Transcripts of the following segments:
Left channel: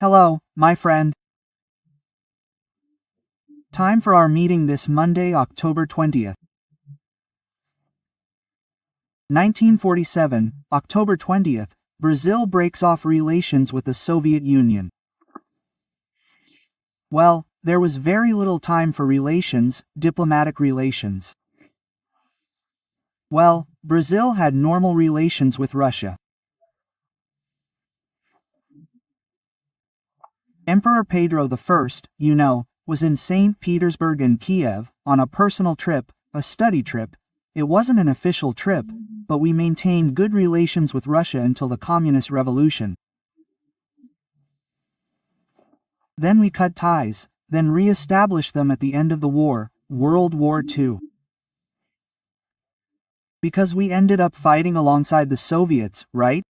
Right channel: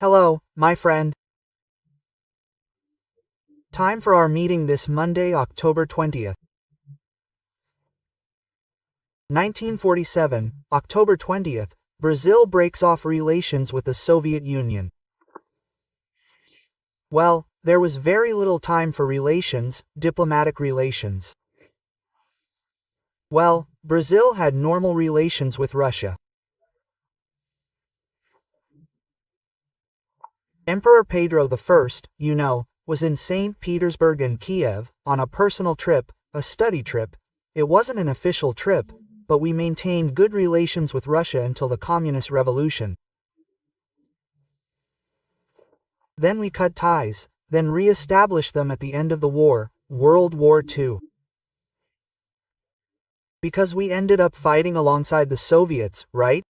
Hello, my friend. Time for our meeting this Monday, October 20th. 1947, October 20th, Brazil breaks off relations with the Soviet Union. Well, there was very little time for relations, diplomatic relations. Well, Brazil had normal relations with Russia. Emperor Pedro I, was in St. Petersburg and Kiev, on a personal trip, a study trip. It wasn't an official trip, but we maintained good relations with Russia until the Communist Revolution. Then we cut ties, then re-established them at the end of the war, World War II. Because we ended up fighting alongside the Soviets, right?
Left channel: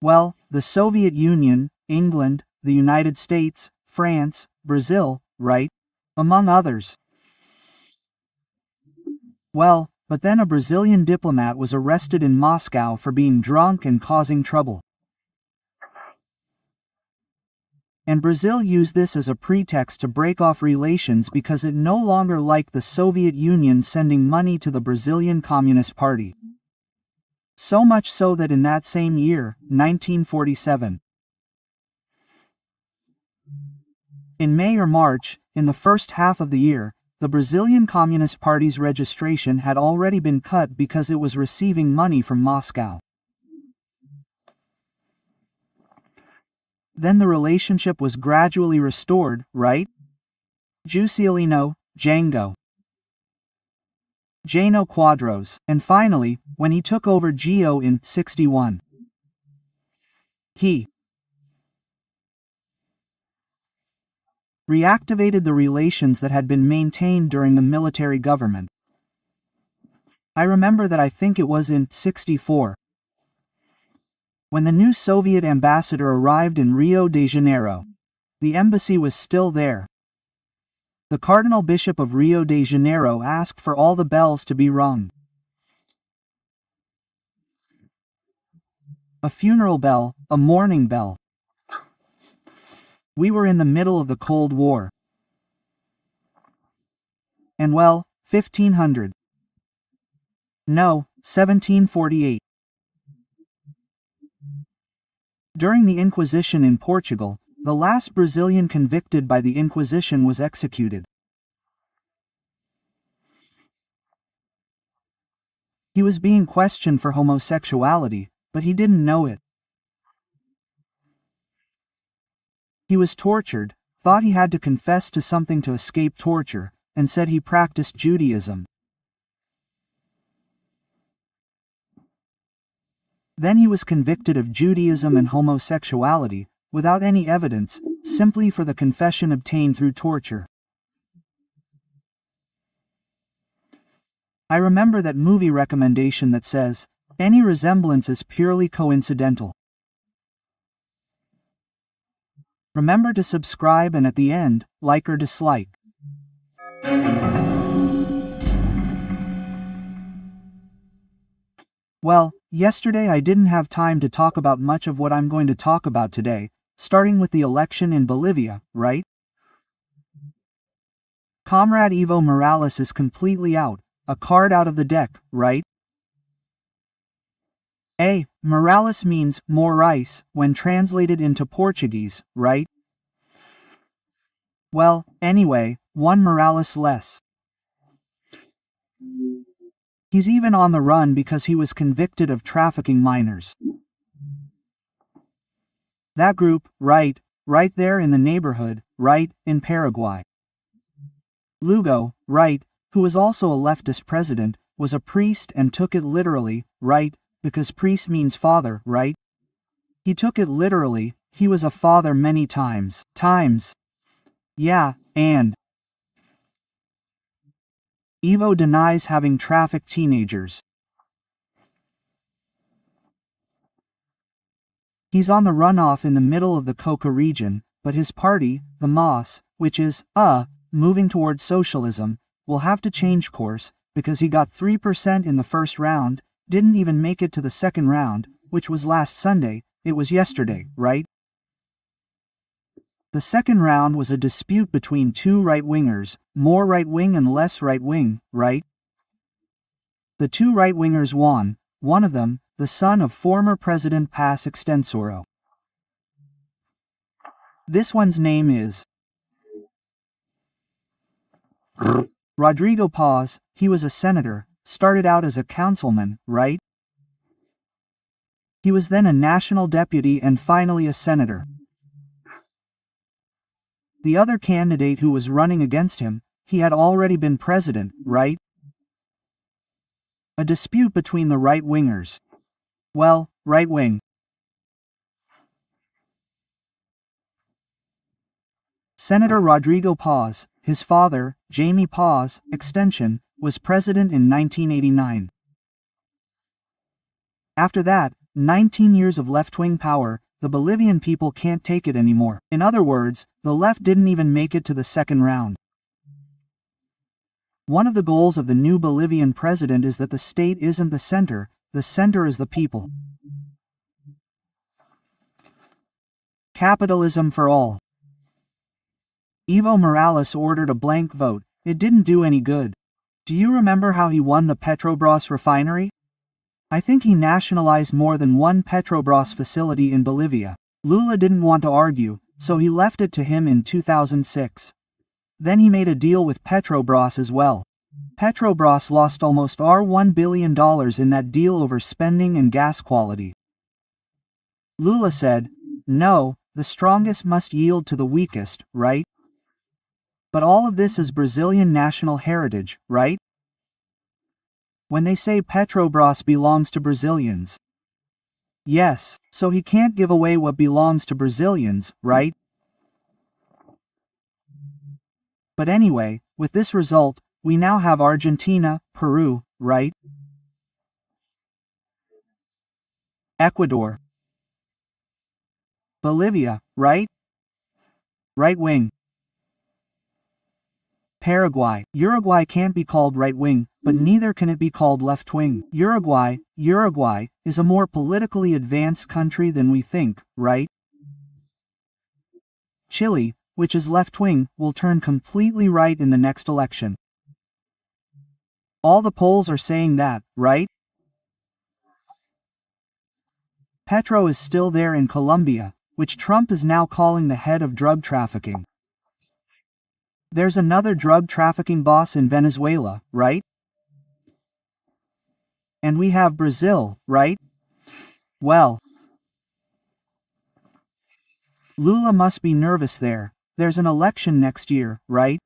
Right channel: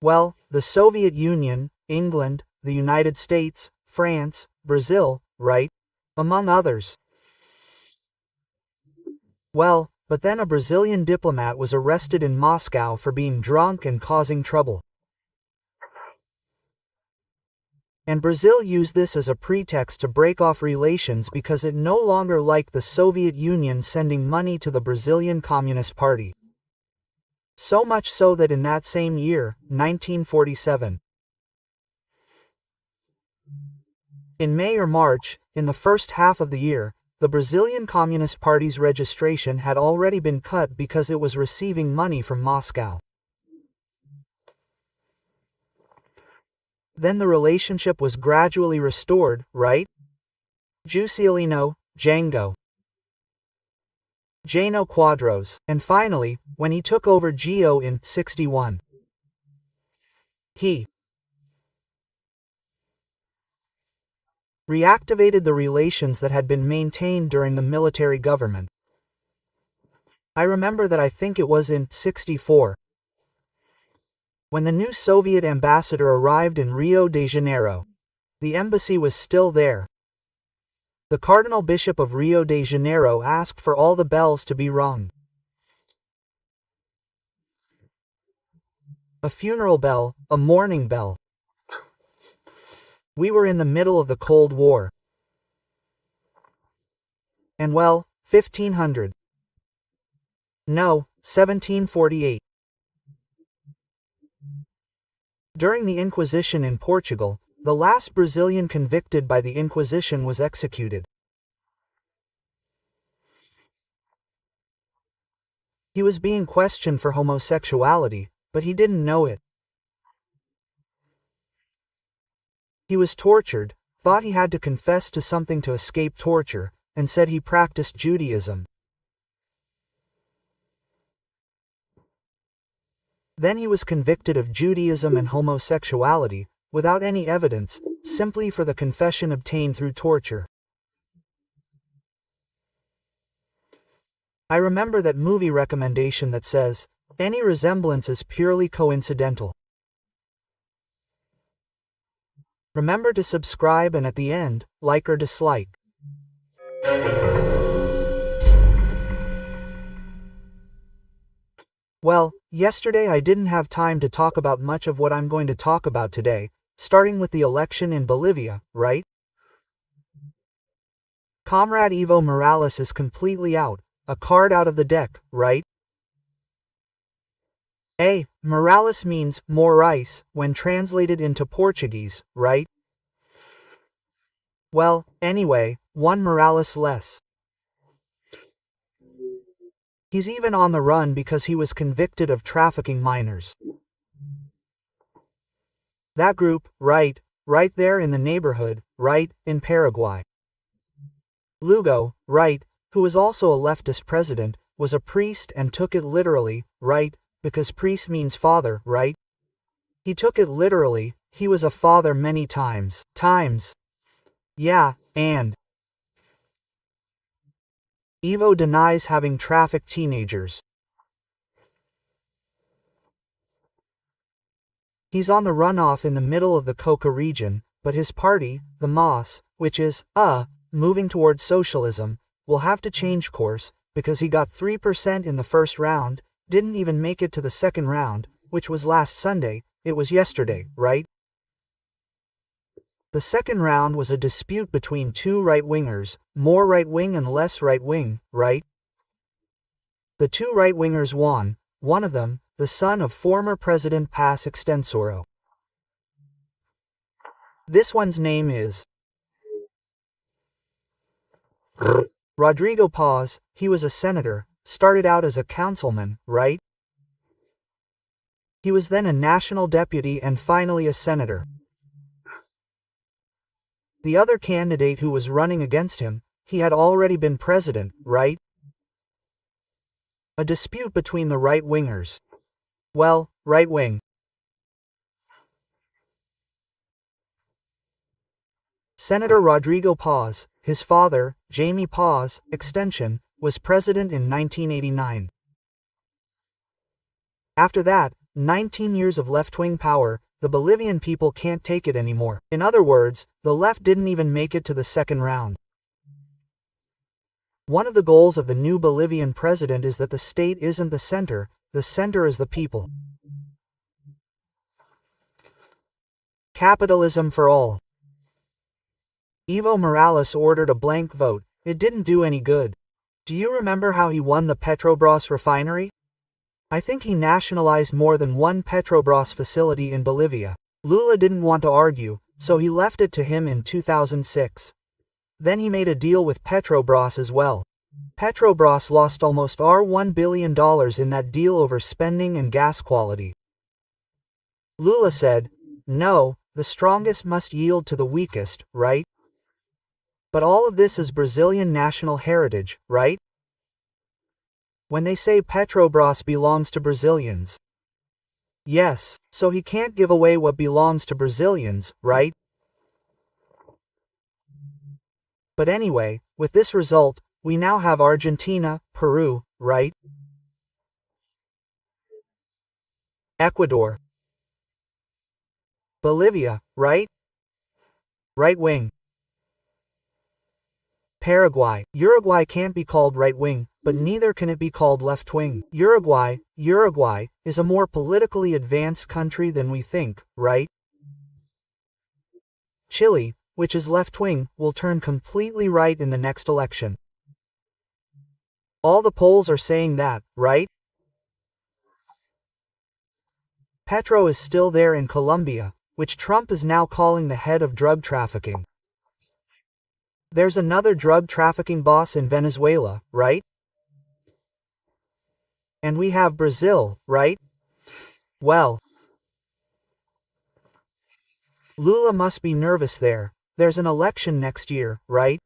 Well, the Soviet Union, England, the United States, France, Brazil, right? Among others. Well, but then a Brazilian diplomat was arrested in Moscow for being drunk and causing trouble. And Brazil used this as a pretext to break off relations because it no longer liked the Soviet Union sending money to the Brazilian Communist Party. So much so that in that same year, 1947, in May or March, in the first half of the year, the Brazilian Communist Party's registration had already been cut because it was receiving money from Moscow. Then the relationship was gradually restored, right? Juscelino, Jango, Jano Quadros, and finally, when he took over Geo in 61. He reactivated the relations that had been maintained during the military government. I remember that I think it was in 64. When the new Soviet ambassador arrived in Rio de Janeiro. The embassy was still there. The Cardinal Bishop of Rio de Janeiro asked for all the bells to be rung. A funeral bell, a mourning bell. We were in the middle of the Cold War. And well, 1500. No, 1748. During the Inquisition in Portugal, the last Brazilian convicted by the Inquisition was executed. He was being questioned for homosexuality, but he didn't know it. He was tortured, thought he had to confess to something to escape torture, and said he practiced Judaism. Then he was convicted of Judaism and homosexuality, without any evidence, simply for the confession obtained through torture. I remember that movie recommendation that says, any resemblance is purely coincidental. Remember to subscribe and at the end, like or dislike. Well, yesterday I didn't have time to talk about much of what I'm going to talk about today, starting with the election in Bolivia, right? Comrade Evo Morales is completely out, a card out of the deck, right? Morales means more ice when translated into Portuguese, right? Well, anyway, one Morales less. He's even on the run because he was convicted of trafficking minors. That group, right there in the neighborhood, right, in Paraguay. Lugo, right, who was also a leftist president, was a priest and took it literally, right, because priest means father, right? He took it literally, he was a father many times. Yeah, and Evo denies having trafficked teenagers. He's on the runoff in the middle of the Coca region, but his party, the MAS, which is, moving towards socialism, will have to change course, because he got 3% in the first round, didn't even make it to the second round, which was last Sunday, it was yesterday, right? The second round was a dispute between two right-wingers, more right-wing and less right-wing, right? The two right-wingers won, one of them, the son of former President Paz Extensoro. This one's name is Rodrigo Paz. He was a senator, started out as a councilman, right? He was then a national deputy and finally a senator. The other candidate who was running against him, he had already been president, right? A dispute between the right-wingers. Well, right-wing. Senator Rodrigo Paz, his father, Jaime Paz, extension, was president in 1989. After that, 19 years of left-wing power, the Bolivian people can't take it anymore. In other words, the left didn't even make it to the second round. One of the goals of the new Bolivian president is that the state isn't the center is the people. Capitalism for all. Evo Morales ordered a blank vote. It didn't do any good. Do you remember how he won the Petrobras refinery? I think he nationalized more than one Petrobras facility in Bolivia. Lula didn't want to argue, so he left it to him in 2006. Then he made a deal with Petrobras as well. Petrobras lost almost $1 billion in that deal over spending and gas quality. Lula said, "No, the strongest must yield to the weakest, right?" But all of this is Brazilian national heritage, right? When they say Petrobras belongs to Brazilians. Yes, so he can't give away what belongs to Brazilians, right? But anyway, with this result, we now have Argentina, Peru, right? Ecuador. Bolivia, right? Right wing. Paraguay. Uruguay can't be called right-wing, but neither can it be called left-wing. Uruguay is a more politically advanced country than we think, right? Chile, which is left-wing, will turn completely right in the next election. All the polls are saying that, right? Petro is still there in Colombia, which Trump is now calling the head of drug trafficking. There's another drug trafficking boss in Venezuela, right? And we have Brazil, right? Well, Lula must be nervous there. There's an election next year, right?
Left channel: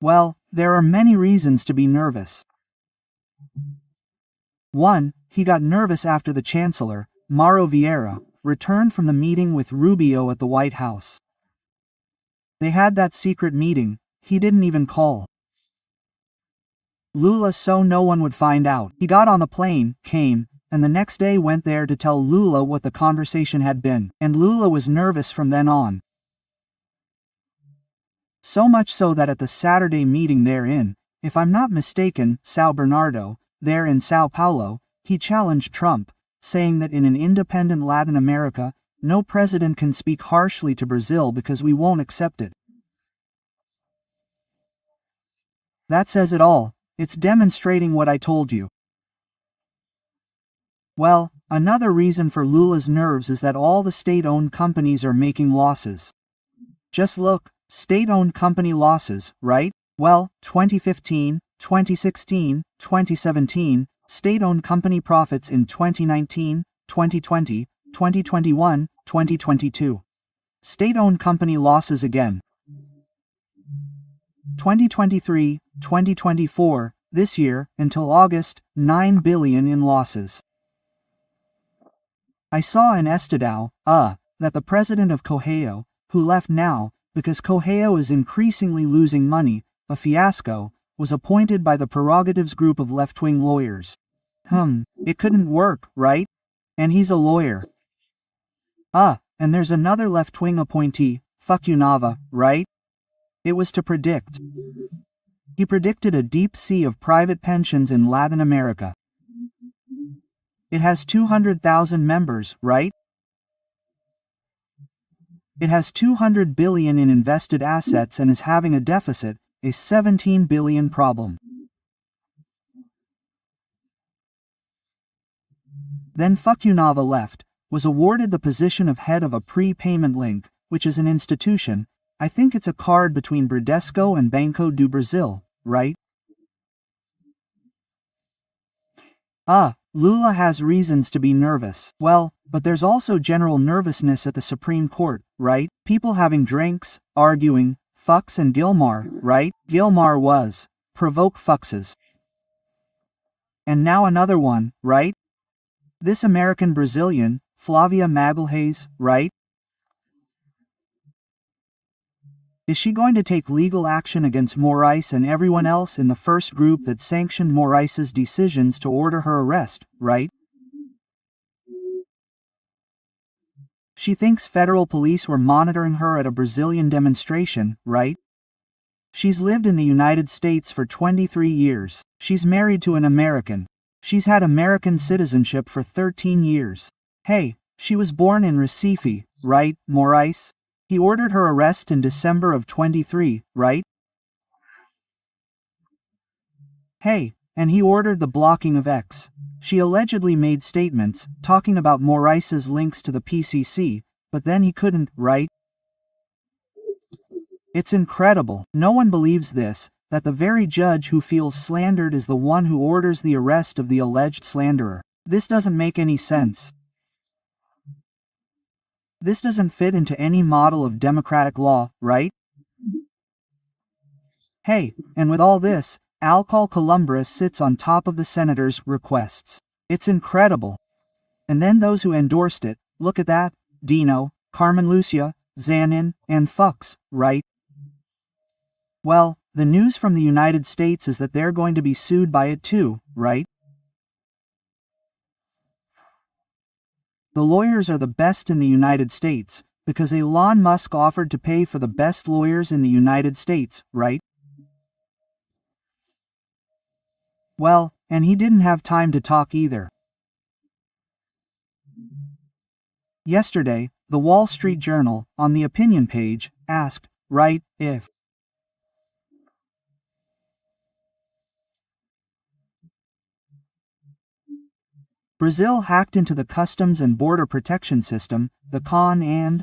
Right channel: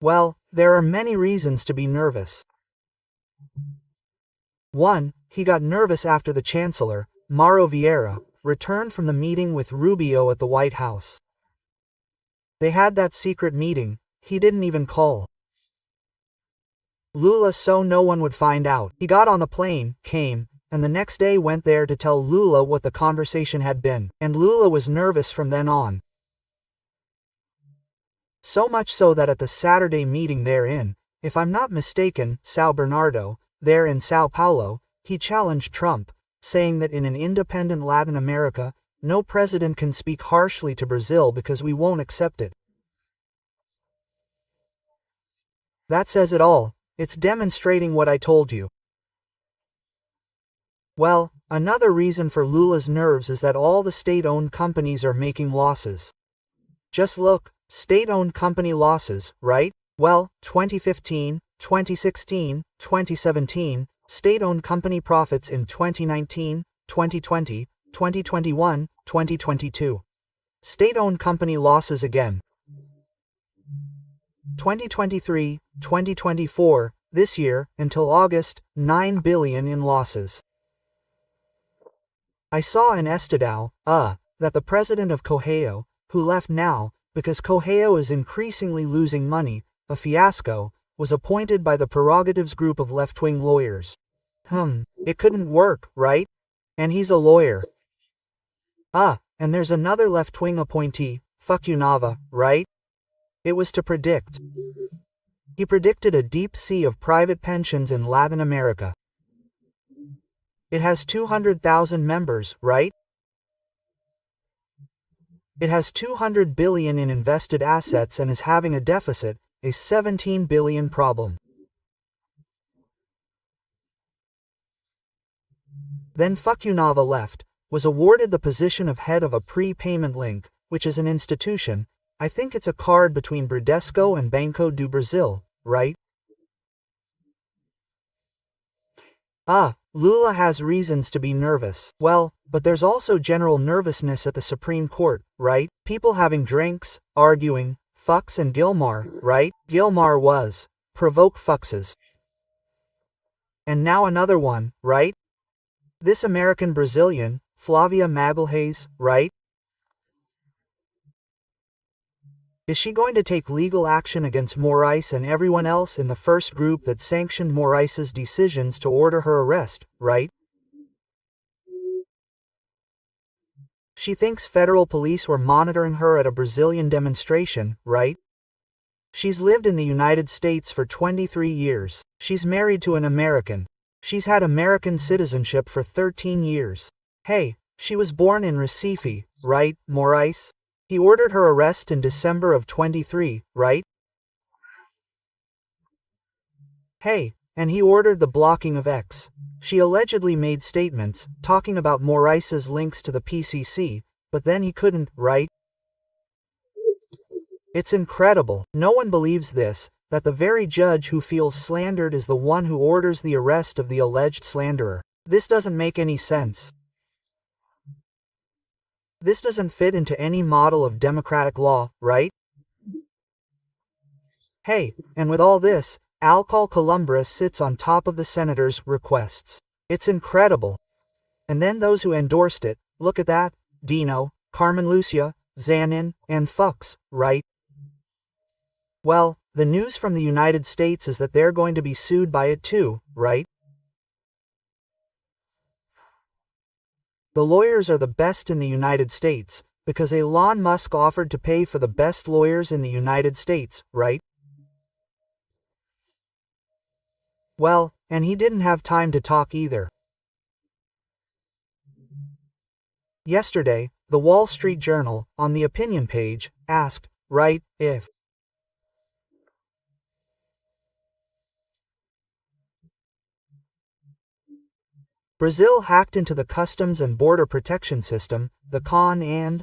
Well, there are many reasons to be nervous. 1. He got nervous after the Chancellor, Mauro Vieira, returned from the meeting with Rubio at the White House. They had that secret meeting, he didn't even call Lula so no one would find out. He got on the plane, came, and the next day went there to tell Lula what the conversation had been, and Lula was nervous from then on. So much so that at the Saturday meeting there in, if I'm not mistaken, São Bernardo, there in Sao Paulo, he challenged Trump, saying that in an independent Latin America, no president can speak harshly to Brazil because we won't accept it. That says it all. It's demonstrating what I told you. Well, another reason for Lula's nerves is that all the state-owned companies are making losses. Just look, state-owned company losses, right? Well, 2015, 2016, 2017, state-owned company profits in 2019, 2020, 2021, 2022. State-owned company losses again. 2023, 2024, this year, until August, $9 billion in losses. I saw in Estadão, that the president of Correio, who left now, because Correio is increasingly losing money, a fiasco, was appointed by the Prerogatives group of left-wing lawyers. It couldn't work, right? And he's a lawyer. And there's another left-wing appointee, Nava, right? It was to predict. He predicted a deep sea of private pensions in Latin America. It has 200,000 members, right? It has 200 billion in invested assets and is having a deficit, a 17 billion problem. Then Fukunava left, was awarded the position of head of a prepayment link, which is an institution. I think it's a card between Bradesco and Banco do Brasil, right? Lula has reasons to be nervous. Well, but there's also general nervousness at the Supreme Court, right? People having drinks, arguing, Fux and Gilmar, right? Gilmar was. Provoke Fuxes. And now another one, right? This American Brazilian, Flavia Magalhães, right? Is she going to take legal action against Moraes and everyone else in the first group that sanctioned Moraes's decisions to order her arrest, right? She thinks federal police were monitoring her at a Brazilian demonstration, right? She's lived in the United States for 23 years. She's married to an American. She's had American citizenship for 13 years. Hey, she was born in Recife, right, Moraes? He ordered her arrest in December of 23, right? Hey, and he ordered the blocking of X. She allegedly made statements, talking about Moraes's links to the PCC, but then he couldn't, right? It's incredible. No one believes this, that the very judge who feels slandered is the one who orders the arrest of the alleged slanderer. This doesn't make any sense. This doesn't fit into any model of democratic law, right? Hey, and with all this, Alcol Columbres sits on top of the senator's requests. It's incredible. And then those who endorsed it, look at that, Dino, Carmen Lucia, Zanin, and Fux, right? Well, the news from the United States is that they're going to be sued by it too, right? The lawyers are the best in the United States, because Elon Musk offered to pay for the best lawyers in the United States, right? Well, and he didn't have time to talk either. Yesterday, the Wall Street Journal, on the opinion page, asked, right, if Brazil hacked into the Customs and Border Protection System, the CON and,